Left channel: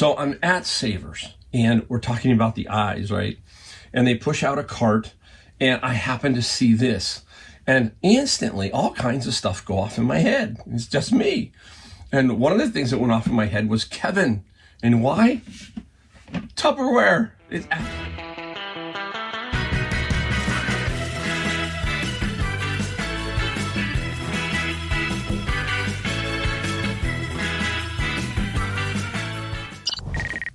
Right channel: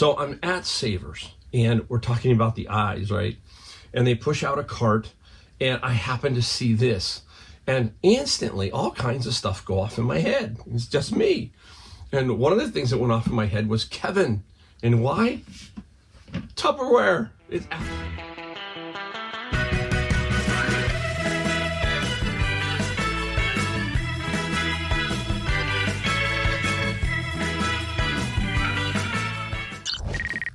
So I'm at Savers, and we're talking about the eyes, right? And they push out a cart, and I happen to see this. And instantly, all kinds of stuff go off in my head. It's just me. And one of the things that went off in my head was Kevin. And why? Tupperware.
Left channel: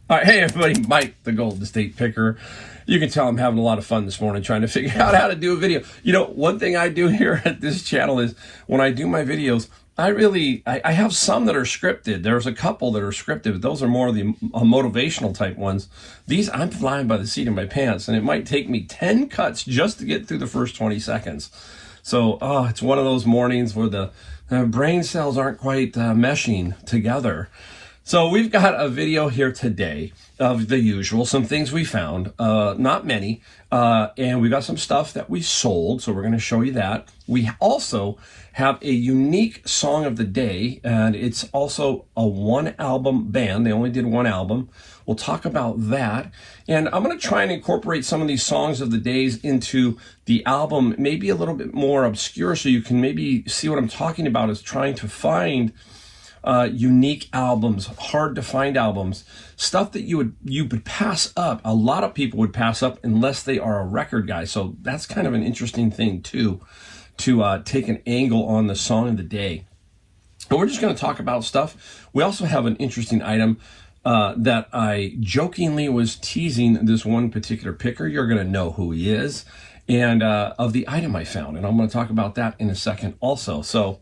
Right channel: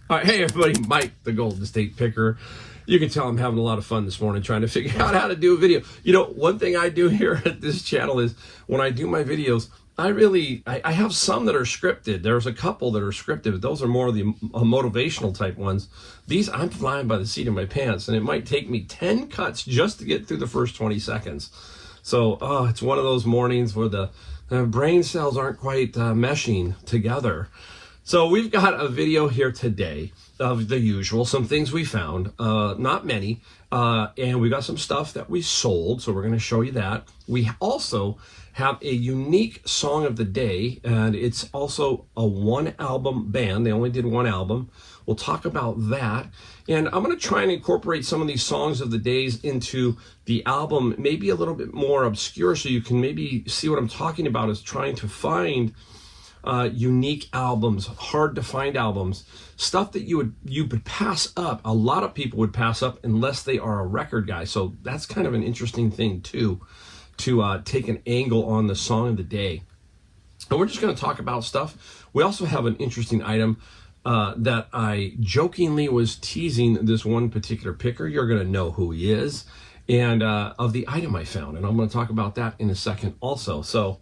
All right, hey everybody, Mike, the Golden State Picker. You can tell I'm having a lot of fun this morning trying to figure out how to do a video. You know, one thing I do here at this channel is when I do my videos, I have some that are scripted. There's a couple that are scripted, but those are more of the motivational type ones. These, I'm flying by the seat of my pants, and it might take me 10 cuts just to get through the first 20 seconds. So, it's one of those mornings where the brain cells aren't quite meshing together. So we've got a video here today of the usual, some things we found, not many, and we got some stuff that we sold, so we're going to show you that. We also have a unique song of the day, and it's also a one-album band. They only did one album. We'll talk about that, and I'm going to try and incorporate some of these songs of the days into the album, maybe a little bit more obscure, so you can maybe see what I'm talking about is trying to find unique albums, hard to find albums, stuff that you would pass up. A lot of people would pass up unless they are a record guy. So that's kind of an interesting thing too, to take an angle on the song of the day. And we're just going to talk about stuff. We also have an interesting item that I jokingly was teasing this one particular picker. You're going to know who he is, and of the item I found. And I'm going to talk about that in a second also. So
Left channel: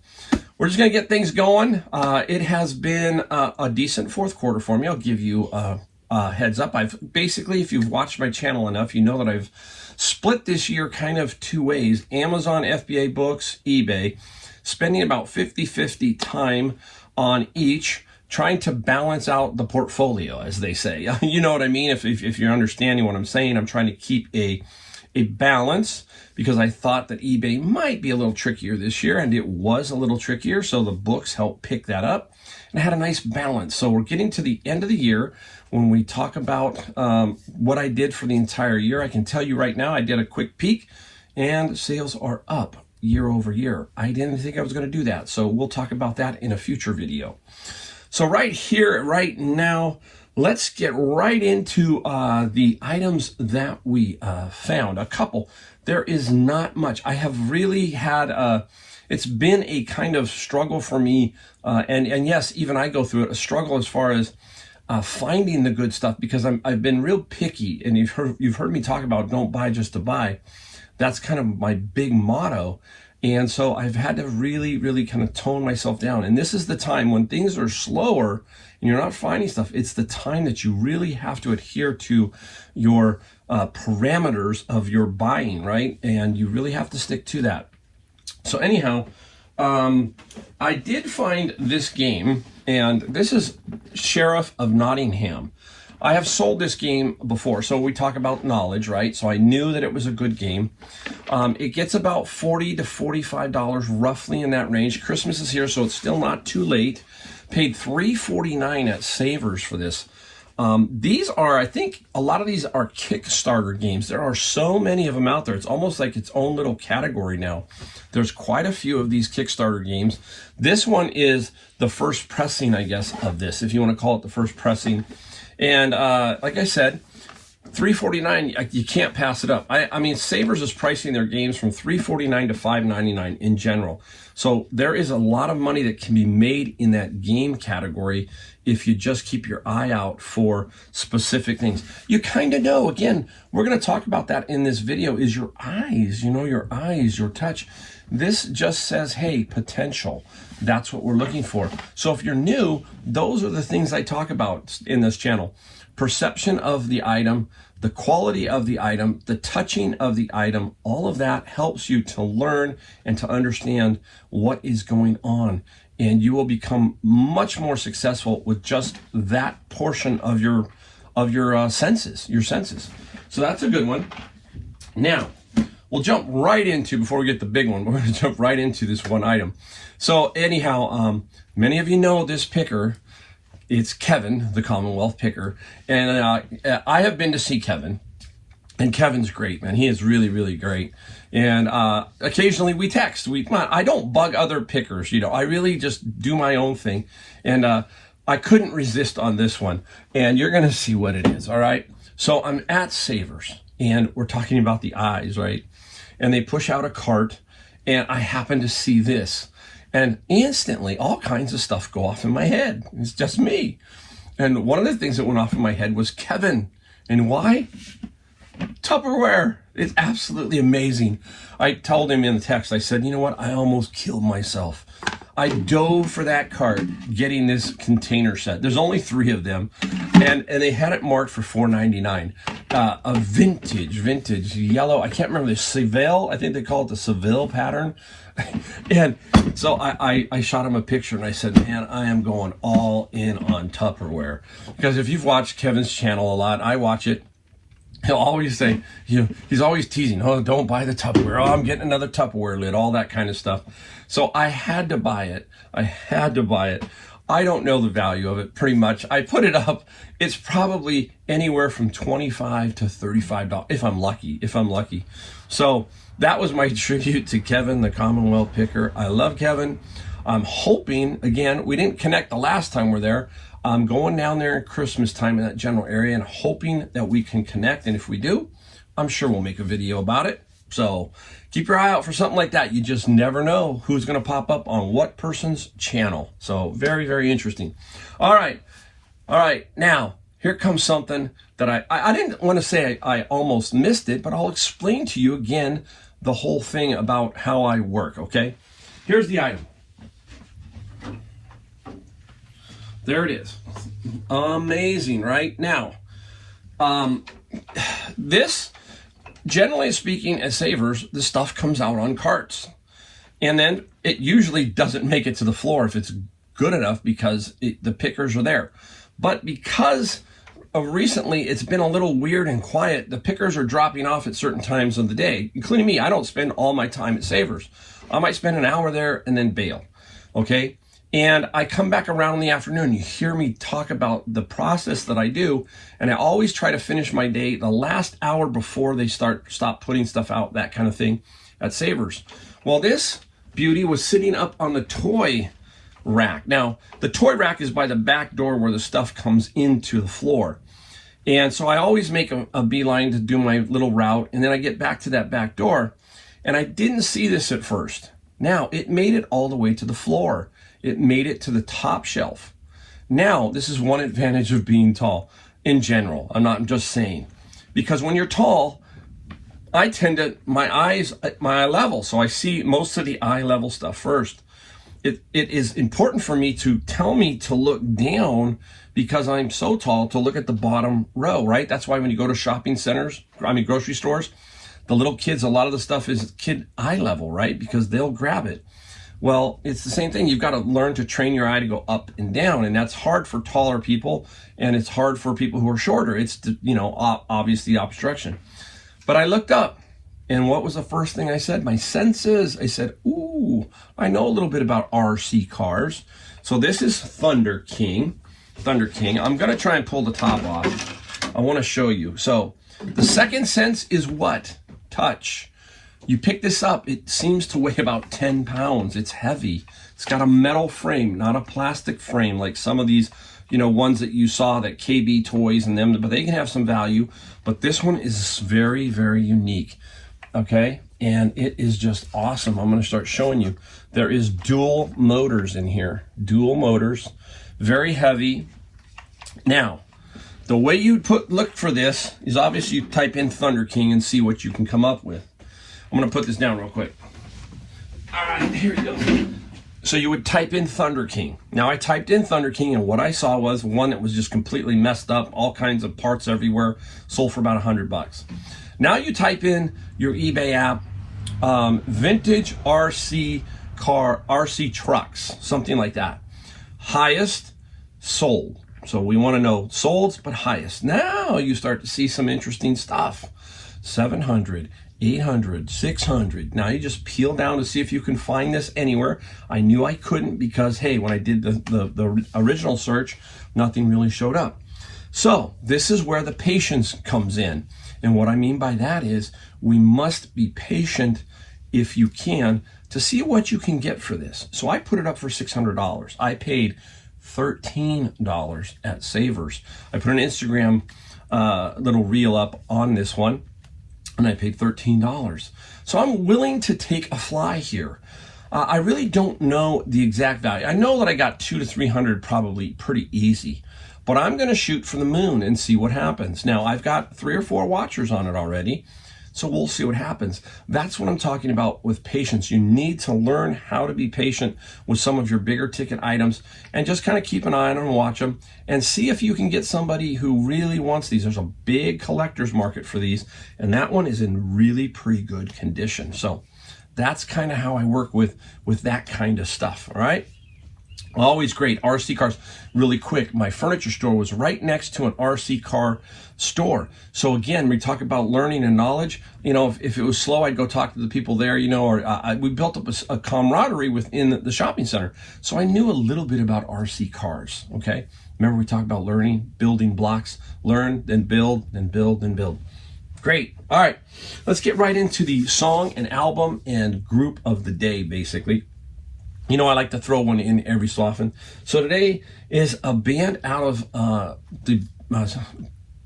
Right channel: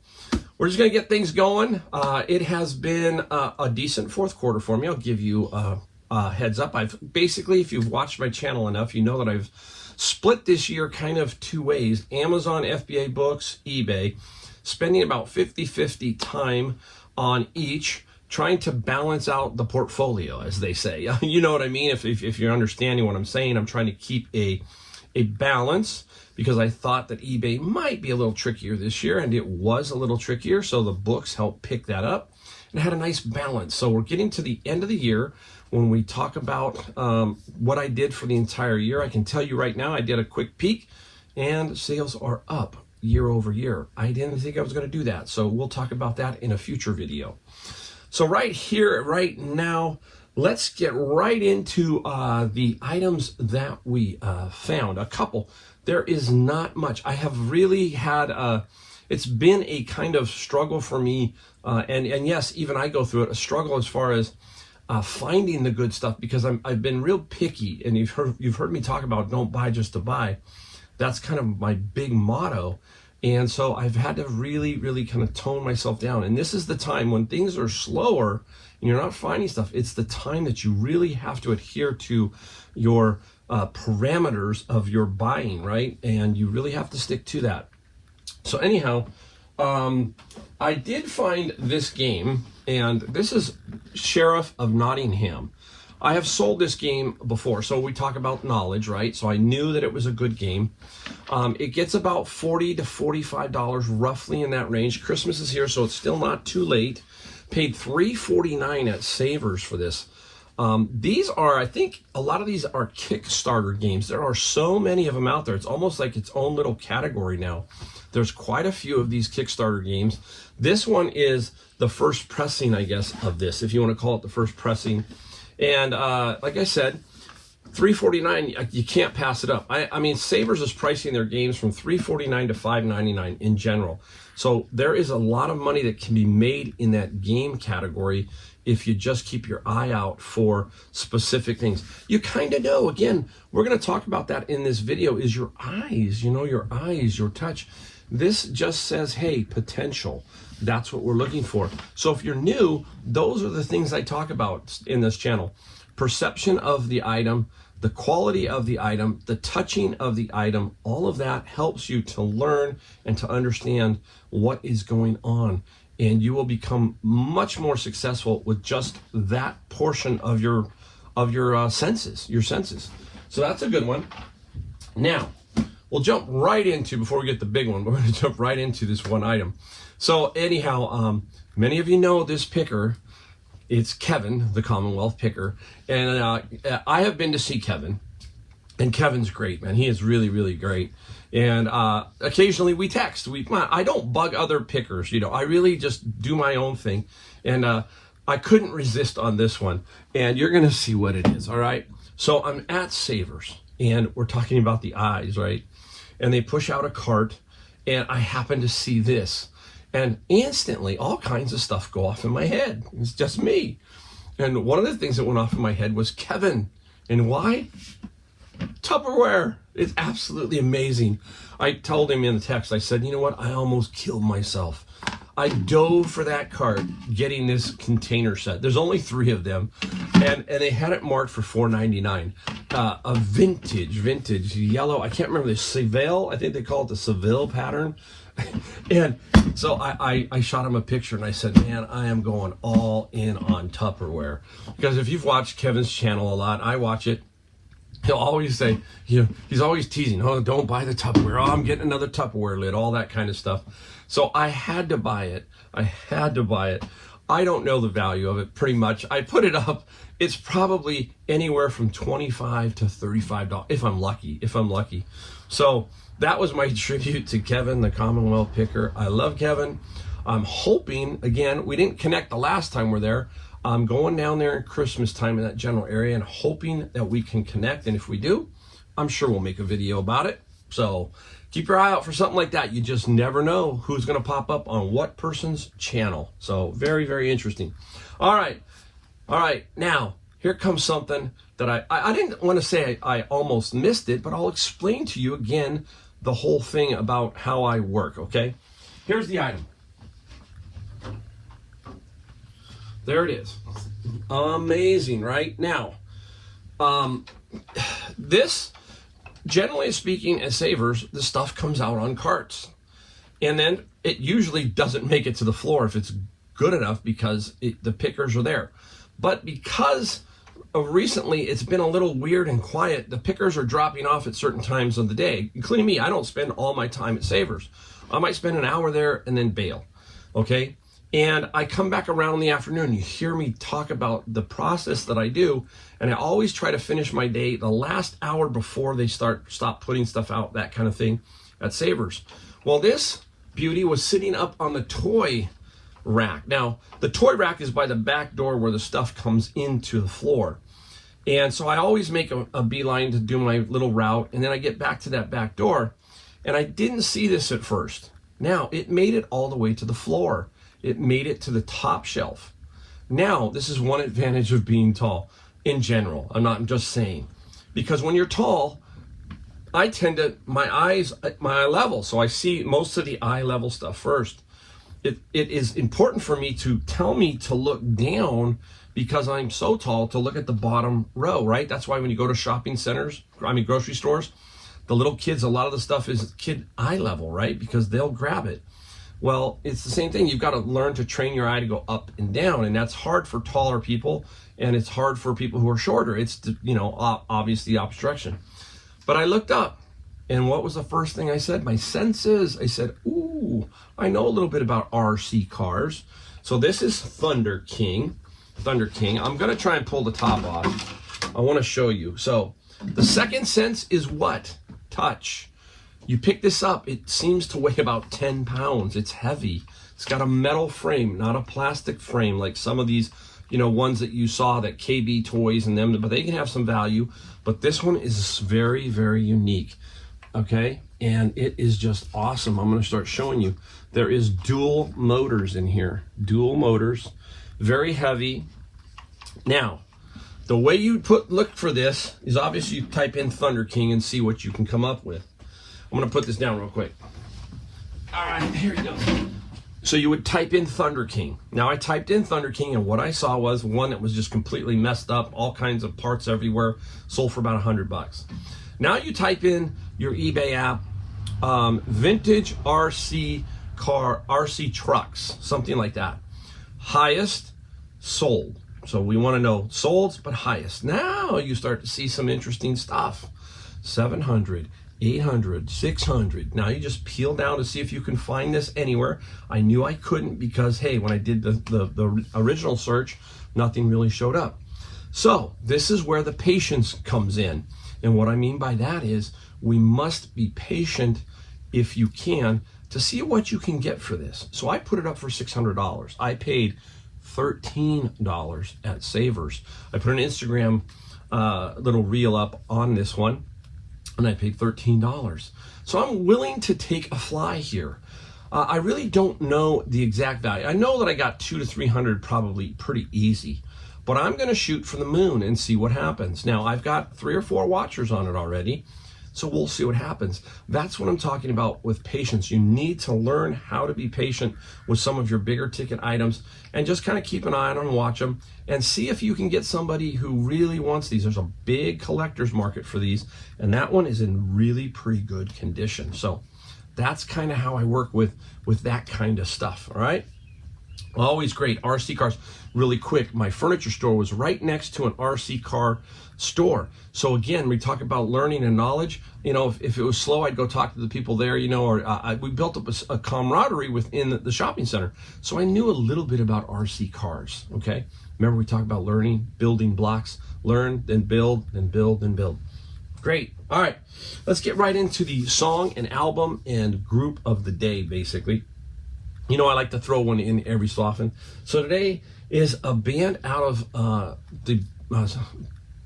we're just going to get things going. It has been a decent fourth quarter for me. I'll give you a heads up. I've basically, if you've watched my channel enough, you know that I've split this year kind of two ways. Amazon, FBA books, eBay, spending about 50-50 time on each, trying to balance out the portfolio, as they say. You know what I mean? If you're understanding what I'm saying, I'm trying to keep a balance, because I thought that eBay might be a little trickier this year, and it was a little trickier, so the books helped pick that up, and I had a nice balance. So we're getting to the end of the year. When we talk about what I did for the entire year, I can tell you right now, I did a quick peek, and sales are up year over year. I didn't think I was going to do that, so we'll talk about that in a future video. So right here, right now, let's get right into the items that we found. A couple. There is not much. I have really had it's been a kind of struggle for me, and yes, even I go through it, a struggle as far as finding the good stuff, because I've been real picky, and you've heard me talk about don't buy just to buy. That's kind of my big motto. And so I've had to really kind of tone myself down. And this is the time when things are slower and you're not finding stuff. It's the time that you really have to adhere to your parameters of your buying, right? And you really have to stick to that. So anyhow, I did find this game, and this is Sheriff of Nottingham. I have sold this game before, so we talk about knowledge, right? So I knew that it was a good game. It gets about $40 to $45, roughly in that range. Christmas is here, so it's still not too late. Paid $3.49 at Savers for this. These are, I think, a lot of these are Kickstarter games. There are so many of them out there. It's almost like its own little category now. There's quite a few of these Kickstarter games. This one is the first pressing, I guess, of this, if you want to call it the first pressing. And like I said, $3.49, you can't pass it up. I mean, Savers is pricing their games from $3.49 to $5.99 in general. So there is a lot of money that can be made in that game category if you just keep your eye out for specific things. You kind of know, again, we're going to talk about that in this video, is your eyes, your eyes, your touch. This just says, hey, potential. That's what we're looking for. So if you're new, those are the things I talk about in this channel. Perception of the item, the quality of the item, the touching of the item, all of that helps you to learn and to understand what is going on. And you will become much more successful with just that portion of your senses, So that's a good one. Now, we'll jump right into, before we get the big one, we're going to jump right into this one item. So anyhow, many of you know this picker It's Kevin, the Commonwealth picker. And I have been to see Kevin. And Kevin's great, man. He is really, really great. And occasionally we text. I don't bug other pickers, you know. I really just do my own thing. And I couldn't resist on this one. And you're going to see what it is, all right? So I'm at Savers, and we're talking about the eyes, right? And they push out a cart, and I happen to see this. And instantly, all kinds of stuff go off in my head. It's just me. And one of the things that went off in my head was Kevin. And why? Tupperware. It's absolutely amazing. I told him in the text, I said, you know what? I almost killed myself. I dove for that cart getting this container set. There's only 3 of them, and they had it marked for $4.99. A vintage yellow. I can't remember the Seville. I think they call it the Seville pattern. And so I shot him a picture and I said, man, I am going all in on Tupperware. Because if you've watched Kevin's channel a lot, I watch it. He'll always say, you know, he's always teasing, oh, don't buy the Tupperware. Oh, I'm getting another Tupperware lid, all that kind of stuff. So I had to buy it. I don't know the value of it pretty much. I put it up. It's probably anywhere from $25 to $35 if I'm lucky. So that was my tribute to Kevin, the Commonwealth picker. I love Kevin. I'm hoping, again, we didn't connect the last time we're there. I'm going down there at Christmas time in that general area and hoping that we can connect. And if we do, I'm sure we'll make a video about it. So keep your eye out for something like that. You just never know who's going to pop up on what person's channel. So very, very interesting. All right. Now, here comes something that I didn't want to say I almost missed it, but I'll explain to you again the whole thing about how I work, okay? Here's the item. There it is. Amazing, right? Now, this, generally speaking, at Savers, the stuff comes out on carts. And then it usually doesn't make it to the floor if it's good enough because the pickers are there. But because of recently it's been a little weird and quiet, the pickers are dropping off at certain times of the day, including me. I don't spend all my time at Savers. I might spend an hour there and then bail, okay? And I come back around in the afternoon. You hear me talk about the process that I do, and I always try to finish my day the last hour before they stop putting stuff out, that kind of thing, at Savers. Well, this beauty was sitting up on the toy rack. Now, the toy rack is by the back door where the stuff comes into the floor. And so I always make a beeline to do my little route, and then I get back to that back door, and I didn't see this at first. Now, it made it all the way to the floor. It made it to the top shelf. Now, this is one advantage of being tall in general. I'm just saying. Because when you're tall, I tend to, my eyes at my eye level, so I see most of the eye level stuff first. It is important for me to tell me to look down because I'm so tall to look at the bottom row, right? That's why when you go to shopping centers, grocery stores, the little kids, a lot of the stuff is kid eye level, right? Because they'll grab it. Well, it's the same thing. You've got to learn to train your eye to go up and down, and that's hard for taller people, and it's hard for people who are shorter. It's, you know, obviously obstruction. But I looked up, and what was the first thing I said? My senses. I said, ooh, I know a little bit about RC cars. So this is Thunder King. I'm going to try and pull the top off. I want to show you. So the second sense is what? Touch. You pick this up, it seems to weigh about 10 pounds. It's heavy. It's got a metal frame, not a plastic frame like some of these, you know, ones that you saw, that KB toys and them, but they can have some value. But this one is very, very unique, okay? And it is just awesome. I'm gonna start showing you. There is dual motors in here, dual motors, very heavy. Now, the way you look for this is obviously you type in Thunder King and see what you can come up with. I'm gonna put this down real quick. All right, here we go. So you would type in Thunder King. Now I typed in Thunder King, and what I saw was one that was just completely messed up, all kinds of parts everywhere, sold for about $100. Now you type in your eBay app, vintage RC trucks, something like that. Highest sold. So we wanna know solds, but highest. Now you start to see some interesting stuff. 700. 800, 600. Now you just peel down to see if you can find this anywhere. I knew I couldn't because, hey, when I did the original search, nothing really showed up. So this is where the patience comes in. And what I mean by that is we must be patient if you can to see what you can get for this. So I put it up for $600. I paid $13 at Savers. I put an Instagram little reel up on this one, and I paid $13. So I'm willing to take a fly here. I really don't know the exact value. I know that I got 200 to 300 probably pretty easy, but I'm going to shoot for the moon and see what happens. Now, I've got 3 or 4 watchers on it already, so we'll see what happens. That's what I'm talking about with patience. You need to learn how to be patient with some of your bigger ticket items and just kind of keep an eye on them and watch them and see if you can get somebody who really wants these. There's a big collector's market for these, and that one is in really pretty good condition. So that's kind of how I work with that kind of stuff, all right? Always great. RC cars. Really quick, my furniture store was right next to an RC car store. So again, we talk about learning and knowledge. You know, if it was slow, I'd go talk to the people there, you know, or we built up a camaraderie within the shopping center. So I knew a little bit about RC cars, okay? Remember we talked about learning, building blocks, learn, then build, then build, then build. Great. All right, let's get right into the song and album and group of the day, basically. You know, I like to throw one in every so often. So today is a band out of the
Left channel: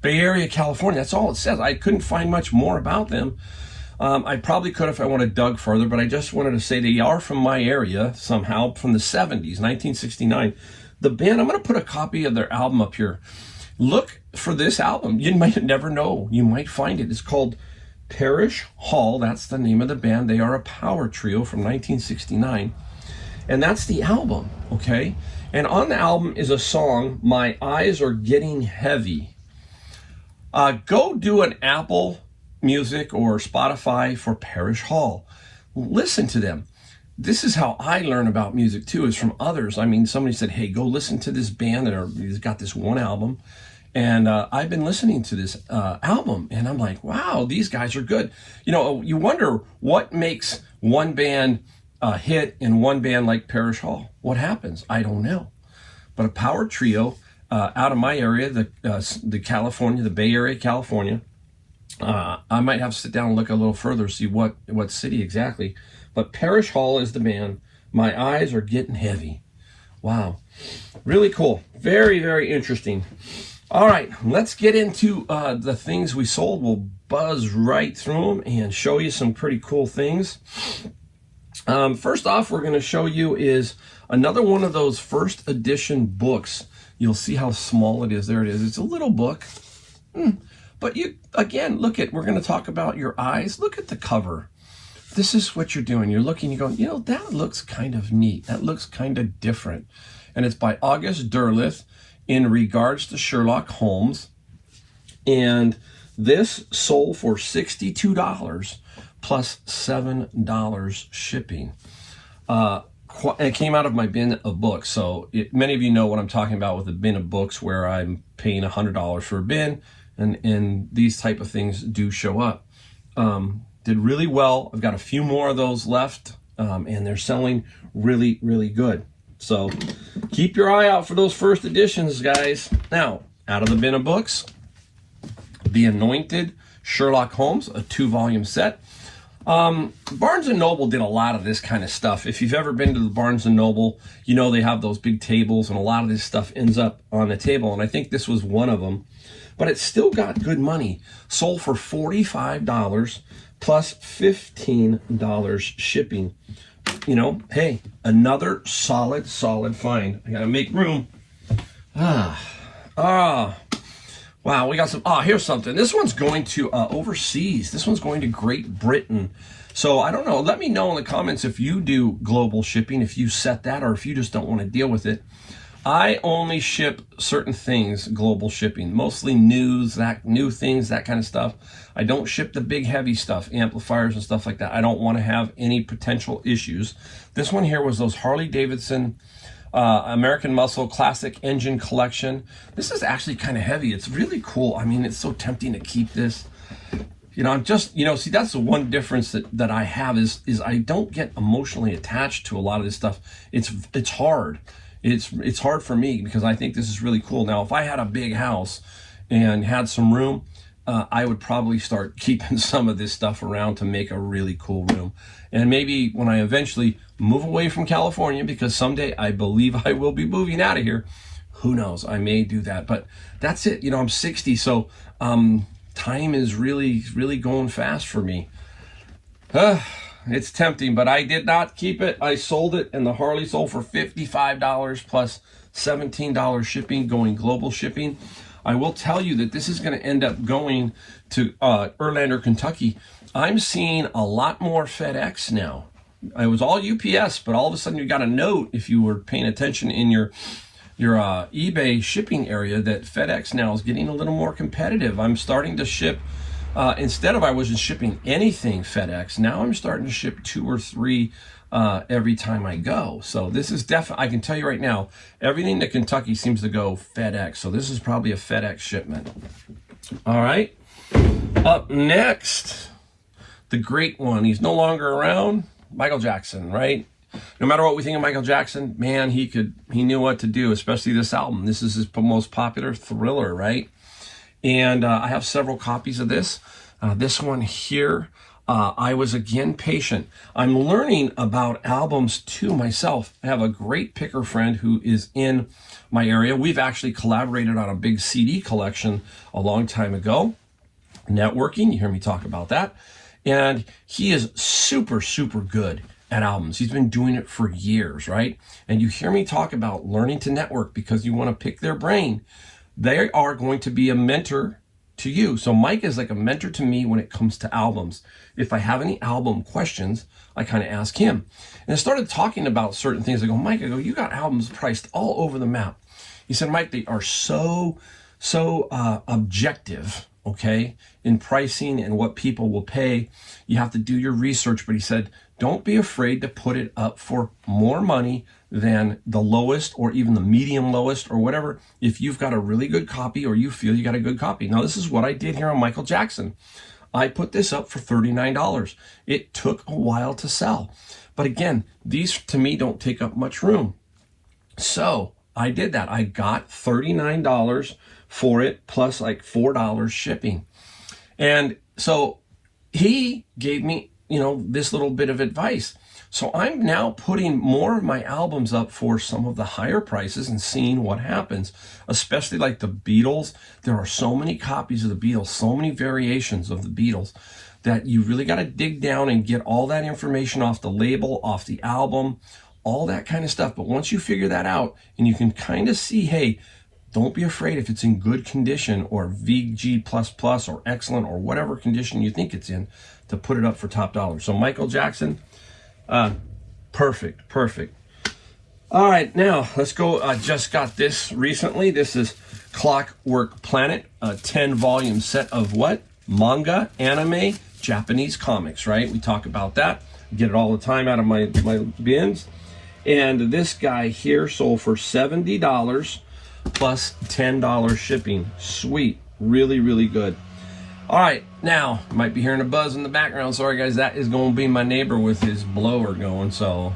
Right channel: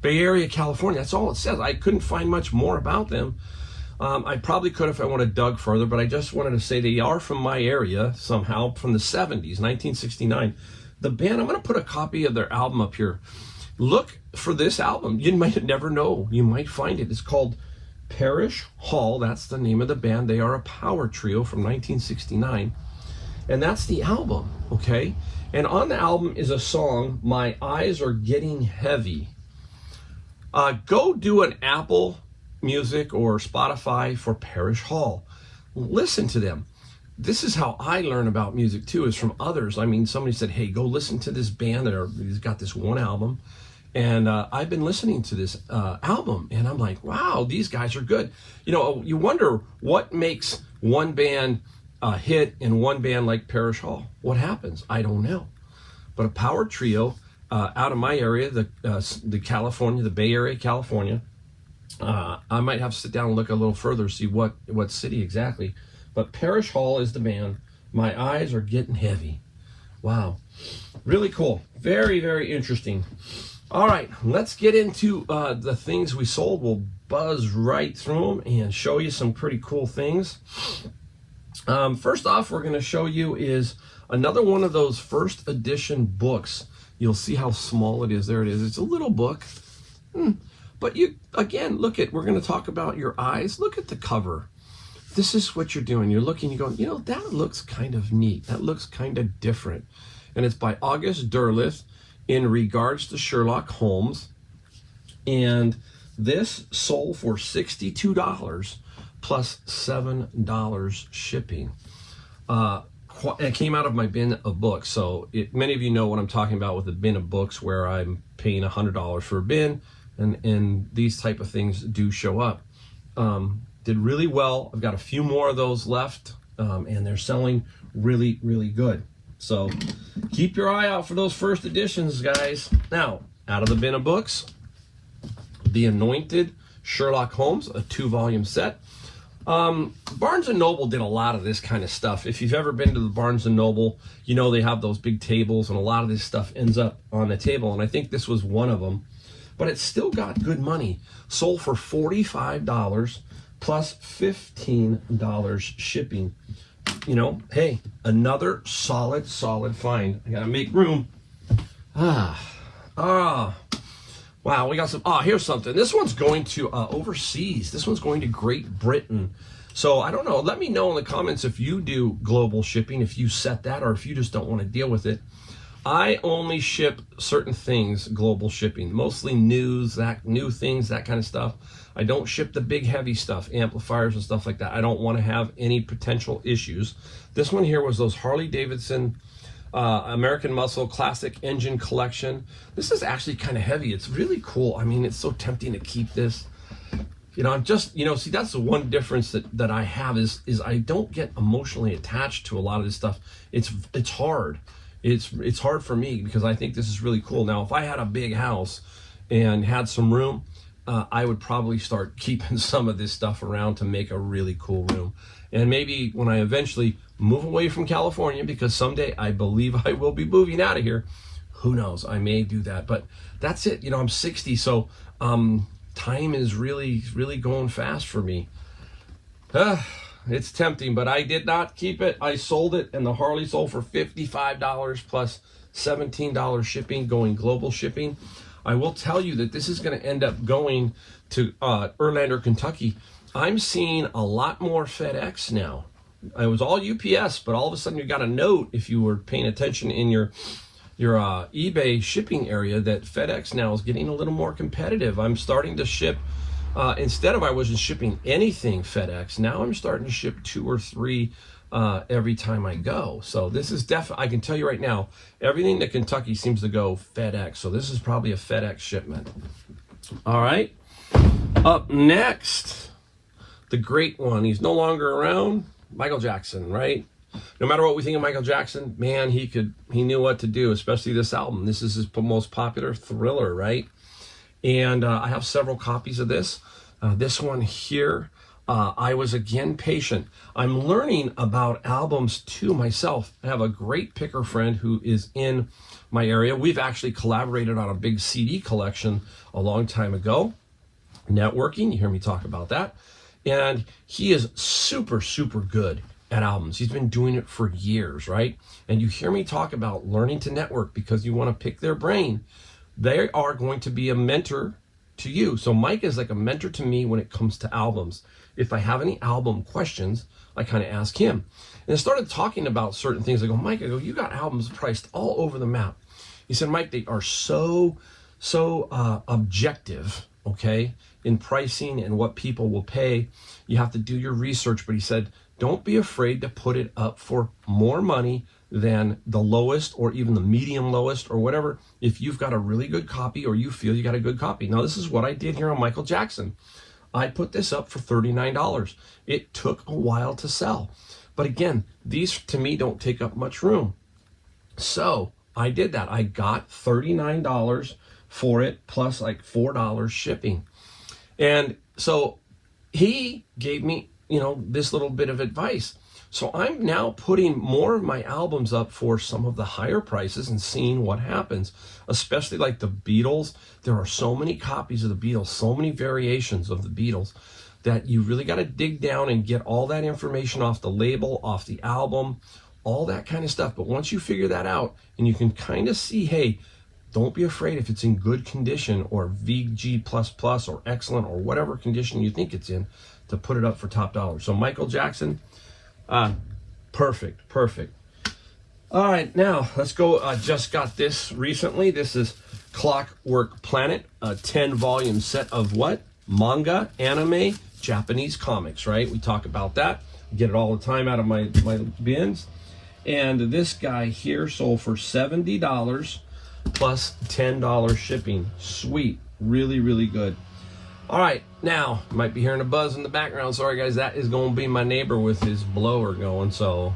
Bay Area, California. That's all it says. I couldn't find much more about them. I probably could if I wanted to dug further, but I just wanted to say they are from my area somehow, from the 70s, 1969. The band, I'm going to put a copy of their album up here. Look for this album. You might never know. You might find it. It's called Parish Hall. That's the name of the band. They are a power trio from 1969. And that's the album, okay? And on the album is a song, My Eyes Are Getting Heavy. Go do an Apple Music or Spotify for Parish Hall. Listen to them. This is how I learn about music too, is from others. I mean, somebody said, hey, go listen to this band. He's got this one album. And I've been listening to this album, and I'm like, wow, these guys are good. You know, you wonder what makes one band hit in one band like Parish Hall. What happens? I don't know. But a power trio out of my area, the California, the Bay Area, California. I might have to sit down and look a little further, see what city exactly. But Parish Hall is the band. My Eyes Are Getting Heavy. Wow. Really cool. Very, very interesting. All right, let's get into the things we sold. We'll buzz right through them and show you some pretty cool things. First off, we're going to show you is another one of those first edition books. You'll see how small it is. There it is. It's a little book. But you, again, look at, we're going to talk about your eyes. Look at the cover. This is what you're doing. You're looking, you go, you know, that looks kind of neat. That looks kind of different. And it's by August Derleth in regards to Sherlock Holmes. And this sold for $62 plus $7 shipping. It came out of my bin of books. So many of you know what I'm talking about with a bin of books where I'm paying $100 for a bin, and these type of things do show up. Did really well. I've got a few more of those left, and they're selling really, really good. So keep your eye out for those first editions, guys. Now, out of the bin of books, The Anointed Sherlock Holmes, a 2-volume set. Barnes & Noble did a lot of this kind of stuff. If you've ever been to the Barnes & Noble, you know they have those big tables, and a lot of this stuff ends up on the table, and I think this was one of them. But it still got good money. Sold for $45 plus $15 shipping. You know, hey, another solid find. I gotta make room. Wow, we got some, here's something. This one's going to overseas. This one's going to Great Britain. So I don't know, let me know in the comments if you do global shipping, if you set that, or if you just don't want to deal with it. I only ship certain things global shipping, mostly news, new things, that kind of stuff. I don't ship the big heavy stuff, amplifiers and stuff like that. I don't want to have any potential issues. This one here was those Harley-Davidson American Muscle Classic Engine Collection. This is actually kind of heavy. It's really cool. I mean, it's so tempting to keep this. You know, I'm just, you know, see, that's the one difference that I have is I don't get emotionally attached to a lot of this stuff. It's hard. It's hard for me because I think this is really cool. Now, if I had a big house and had some room, I would probably start keeping some of this stuff around to make a really cool room. And maybe when I eventually move away from California, because someday I believe I will be moving out of here, who knows, I may do that. But that's it. You know, I'm 60, so time is really going fast for me. It's tempting, but I did not keep it. I sold it, and the Harley sold for $55 plus $17 shipping, going global shipping. I will tell you that this is going to end up going to Erlander, Kentucky. I'm seeing a lot more FedEx now. It was all UPS, but all of a sudden you got a note, if you were paying attention in your eBay shipping area, that FedEx now is getting a little more competitive. I'm starting to ship, instead of I wasn't shipping anything FedEx, now I'm starting to ship 2 or 3 every time I go. So this is definitely, I can tell you right now, everything to Kentucky seems to go FedEx. So this is probably a FedEx shipment. All right. Up next, the great one. He's no longer around. Michael Jackson, right? No matter what we think of Michael Jackson, man, he knew what to do, especially this album. This is his most popular Thriller, right? And I have several copies of this. This one here, I was again patient. I'm learning about albums too myself. I have a great picker friend who is in my area. We've actually collaborated on a big CD collection a long time ago. Networking, you hear me talk about that. And he is super good at albums. He's been doing it for years, right? And you hear me talk about learning to network because you want to pick their brain. They are going to be a mentor to you. So Mike is like a mentor to me when it comes to albums. If I have any album questions, I kind of ask him. And I started talking about certain things. I go, Mike, you got albums priced all over the map. He said, Mike, they are so objective, okay, in pricing and what people will pay. You have to do your research. But he said, don't be afraid to put it up for more money than the lowest or even the medium lowest or whatever, if you've got a really good copy or you feel you got a good copy. Now, this is what I did here on Michael Jackson. I put this up for $39. It took a while to sell. But again, these to me don't take up much room. So I did that. I got $39 for it plus like $4 shipping. And so he gave me, you know, this little bit of advice. So I'm now putting more of my albums up for some of the higher prices and seeing what happens, especially like the Beatles. There are so many copies of the Beatles, so many variations of the Beatles, that you really got to dig down and get all that information off the label, off the album, all that kind of stuff. But once you figure that out and you can kind of see, hey, don't be afraid if it's in good condition or VG++ or excellent or whatever condition you think it's in, to put it up for top dollar. So Michael Jackson, perfect. All right, now let's go. I just got this recently. This is Clockwork Planet, a 10-volume set of what? Manga, anime, Japanese comics, right? We talk about that. I get it all the time out of my bins. And this guy here sold for $70 plus $10 shipping. Sweet, really good. All right, now, you might be hearing a buzz in the background. Sorry, guys, that is going to be my neighbor with his blower going. So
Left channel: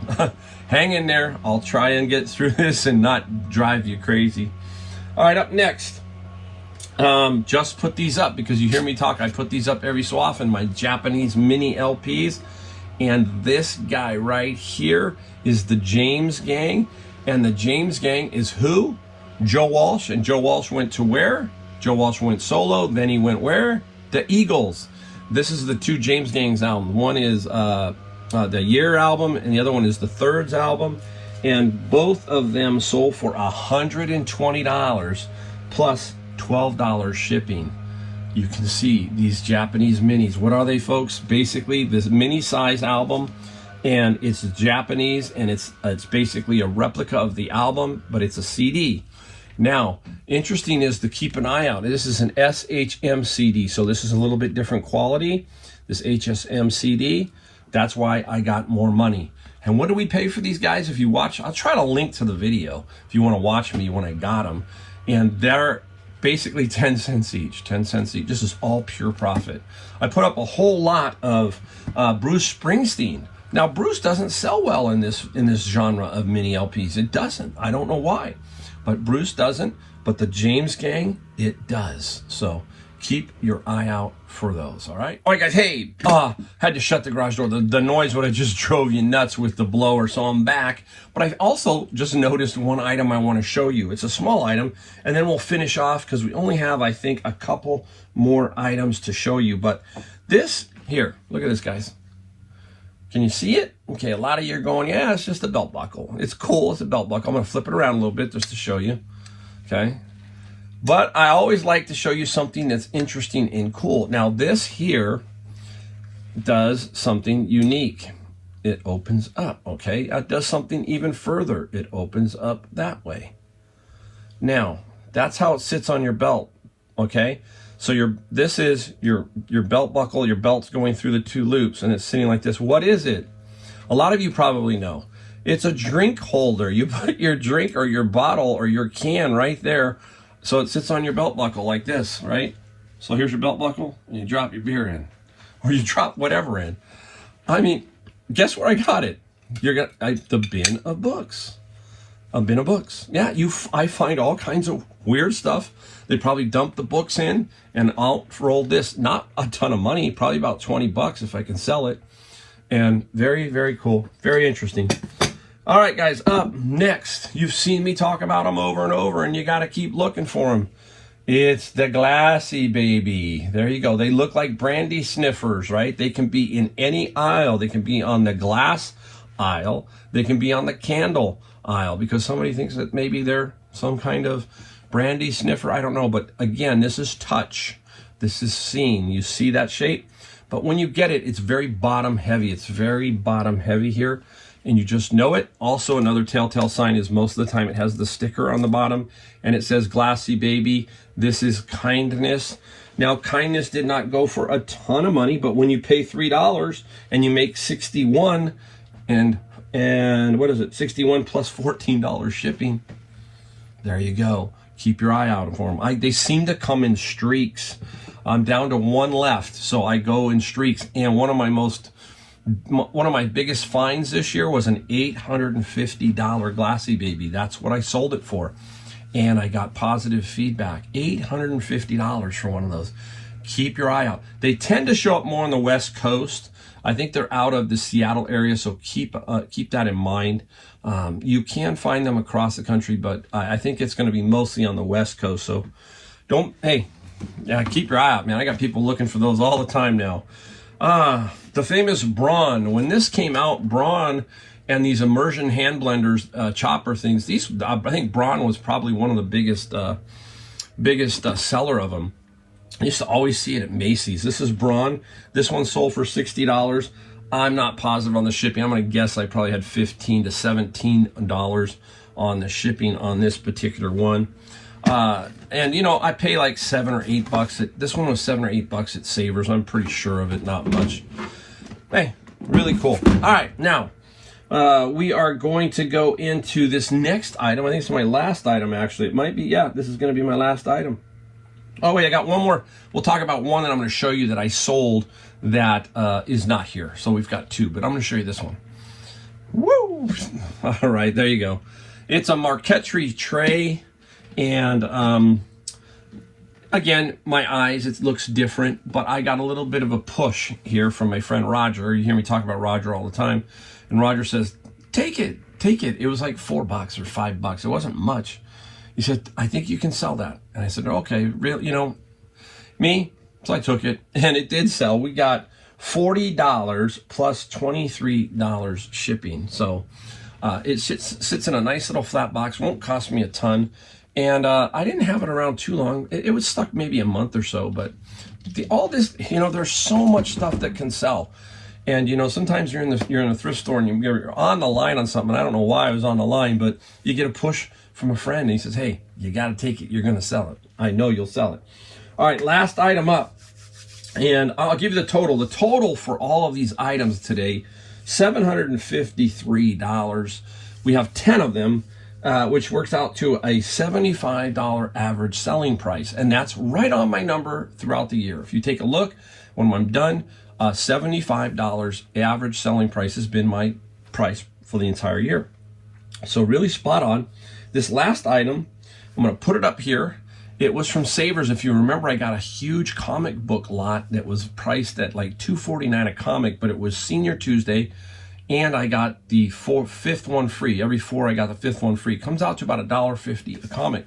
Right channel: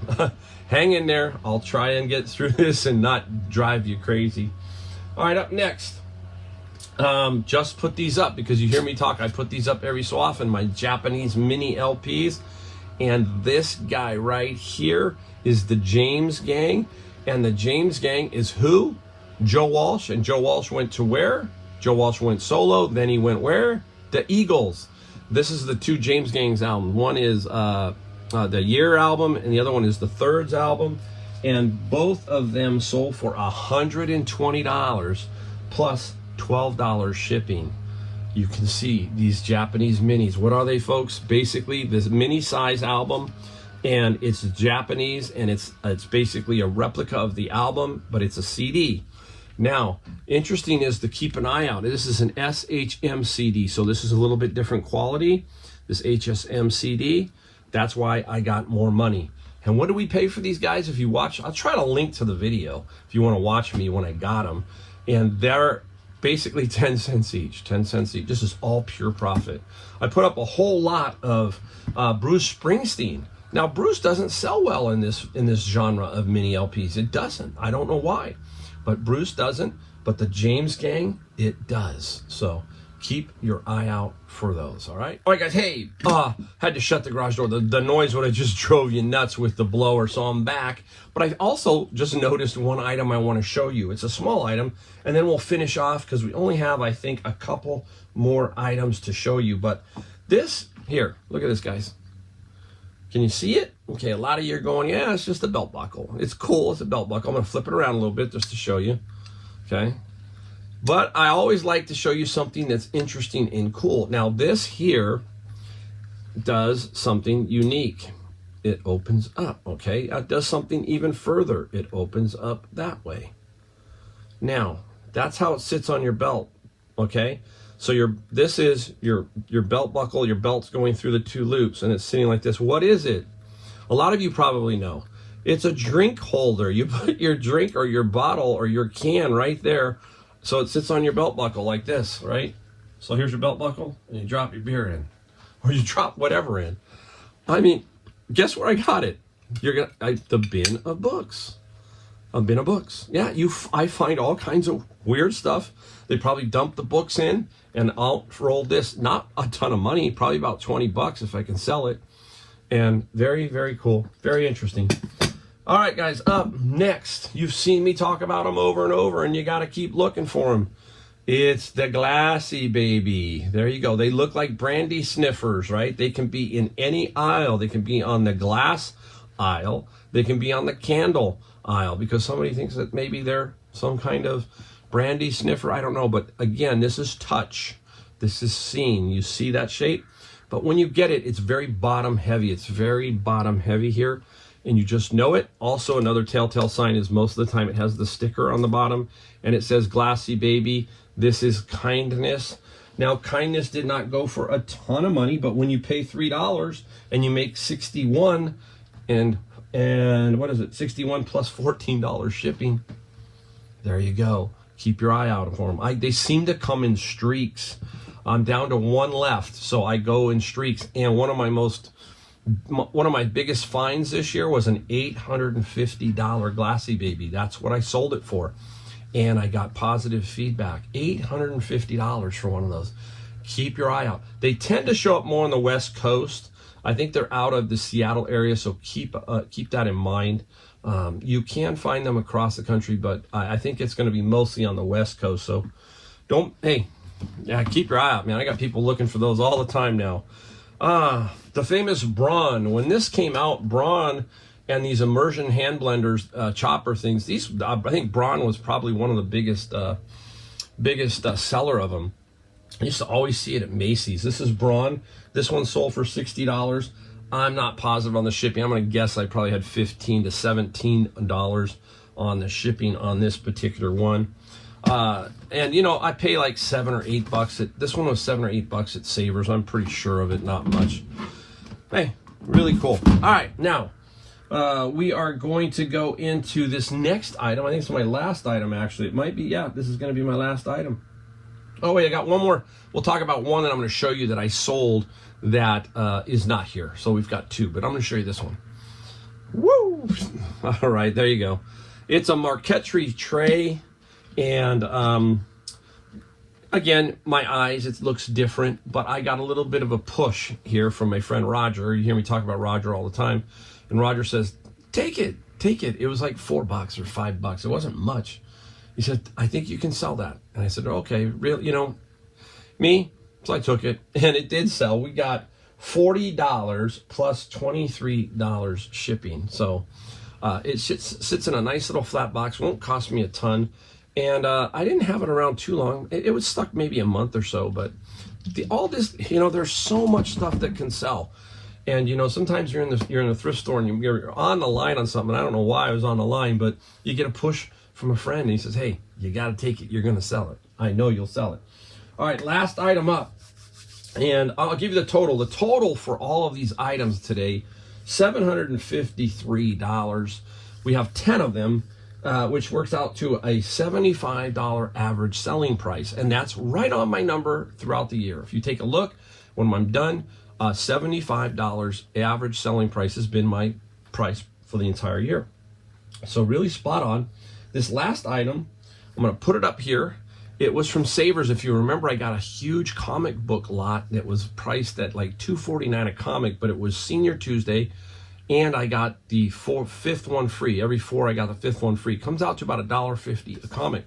hang in there. I'll try and get through this and not drive you crazy. All right, up next, just put these up because you hear me talk. I put these up every so often, my Japanese mini LPs. And this guy right here is the James Gang. And the James Gang is who? Joe Walsh. And Joe Walsh went to where? Joe Walsh went solo. Then he went where? The Eagles. This is the 2 James Gang's album. One is the Year album, and the other one is the Thirds album. And both of them sold for $120 plus $12 shipping. You can see these Japanese minis. What are they, folks? Basically, this mini size album, and it's Japanese, and it's basically a replica of the album, but it's a CD. Now, interesting is to keep an eye out. This is an SHM CD, so this is a little bit different quality, this HSM CD. That's why I got more money. And what do we pay for these guys? If you watch, I'll try to link to the video if you want to watch me when I got them. And they're basically 10 cents each, 10 cents each. This is all pure profit. I put up a whole lot of Bruce Springsteen. Now, Bruce doesn't sell well in this genre of mini LPs. It doesn't. I don't know why, but Bruce doesn't. But the James Gang, it does. So keep your eye out for those, all right? All right, guys, hey, had to shut the garage door. The noise would have just drove you nuts with the blower, so I'm back. But I also just noticed one item I want to show you. It's a small item, and then we'll finish off because we only have, I think, a couple more items to show you. But this, here, look at this, guys. Can you see it? Okay, a lot of you are going, yeah, it's just a belt buckle. It's cool, it's a belt buckle. I'm gonna flip it around a little bit just to show you, okay? But I always like to show you something that's interesting and cool. Now this here does something unique. It opens up, okay? It does something even further. It opens up that way. Now, that's how it sits on your belt, okay? So this is your belt buckle, your belt's going through the two loops and it's sitting like this. What is it? A lot of you probably know. It's a drink holder. You put your drink or your bottle or your can right there. So it sits on your belt buckle like this, right? So here's your belt buckle and you drop your beer in or you drop whatever in. I mean, guess where I got it? The bin of books. A bin of books. Yeah, I find all kinds of weird stuff. They probably dumped the books in and I'll roll this. Not a ton of money, probably about 20 bucks if I can sell it. And very, very cool. Very interesting. All right, guys, up next. You've seen me talk about them over and over and you got to keep looking for them. It's the Glassy Baby. There you go. They look like brandy sniffers, right? They can be in any aisle. They can be on the glass aisle. They can be on the candle aisle because somebody thinks that maybe they're some kind of brandy sniffer. I don't know. But again, this is touch. This is seen. You see that shape? But when you get it, it's very bottom heavy. It's very bottom heavy here. And you just know it. Also, another telltale sign is most of the time it has the sticker on the bottom and it says Glassy Baby. This is kindness. Now, kindness did not go for a ton of money, but when you pay $3 and you make 61 and what is it? 61 plus $14 shipping. There you go. Keep your eye out for them. They seem to come in streaks. I'm down to one left, so I go in streaks. And one of my biggest finds this year was an $850 Glassy Baby. That's what I sold it for. And I got positive feedback. $850 for one of those. Keep your eye out. They tend to show up more on the West Coast. I think they're out of the Seattle area, so keep that in mind. You can find them across the country, but I think it's going to be mostly on the West Coast. So keep your eye out, man. I got people looking for those all the time now. The famous Braun. When this came out, Braun and these immersion hand blenders, chopper things, I think Braun was probably one of the biggest seller of them. I used to always see it at Macy's. This is Braun. This one sold for $60. I'm not positive on the shipping. I'm going to guess I probably had $15 to $17 on the shipping on this particular one. And you know, I pay like $7 or $8 this one was $7 or $8 at Savers. I'm pretty sure of it, not much. Hey, really cool. All right, now we are going to go into this next item. I think it's my last item, actually. It might be, yeah, this is going to be my last item. Oh, wait, I got one more. We'll talk about one that I'm going to show you that I sold that is not here. So we've got two, but I'm going to show you this one. Woo! All right, there you go. It's a marquetry tray. And again, my eyes, it looks different, but I got a little bit of a push here from my friend Roger. You hear me talk about Roger all the time. And Roger says, take it. It was like $4 or $5. It wasn't much. He said, I think you can sell that. And I said, okay, real, you know, me. So I took it and it did sell. We got $40 plus $23 shipping. So it sits in a nice little flat box. Won't cost me a ton. And I didn't have it around too long. It was stuck maybe a month or so, but all this, you know, there's so much stuff that can sell. And, you know, sometimes you're in a thrift store and you're on the line on something. I don't know why I was on the line, but you get a push from a friend and he says, hey, you got to take it. You're going to sell it. I know you'll sell it. All right, last item up. And I'll give you the total. The total for all of these items today, $753. We have 10 of them. which works out to a $75 average selling price. And that's right on my number throughout the year. If you take a look, when I'm done, $75 average selling price has been my price for the entire year. So really spot on. This last item, I'm going to put it up here. It was from Savers. If you remember, I got a huge comic book lot that was priced at like $2.49 a comic, but it was Senior Tuesday, and I got the fifth one free. Every four, I got the fifth one free. It comes out to about $1.50 a comic.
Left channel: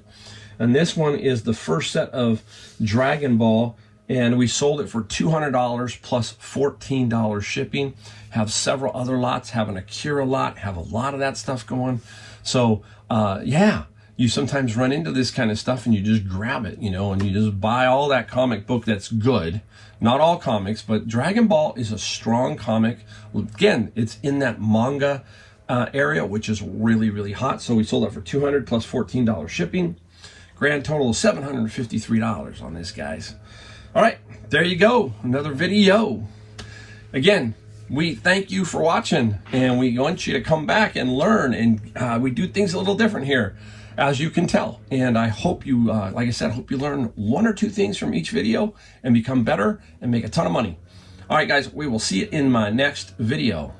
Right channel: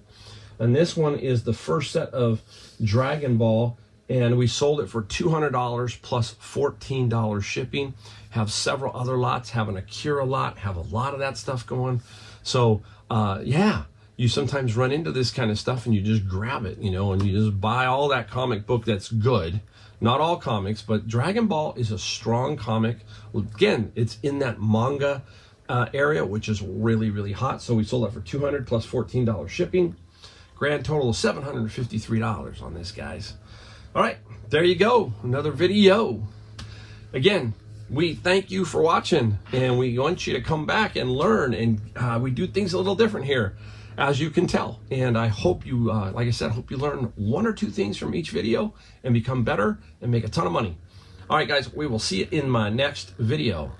And this one is the first set of Dragon Ball, and we sold it for $200 plus $14 shipping. Have several other lots, have an Akira lot, have a lot of that stuff going. So, yeah. You sometimes run into this kind of stuff and you just grab it, you know, and you just buy all that comic book that's good. Not all comics, but Dragon Ball is a strong comic. Well, again, it's in that manga area, which is really, really hot. So we sold it for $200 plus $14 shipping. Grand total of $753 on this, guys. All right, there you go. Another video. Again, we thank you for watching, and we want you to come back and learn. And we do things a little different here, as you can tell. And I hope you, like I said, I hope you learn one or two things from each video and become better and make a ton of money. All right, guys, we will see you in my next video.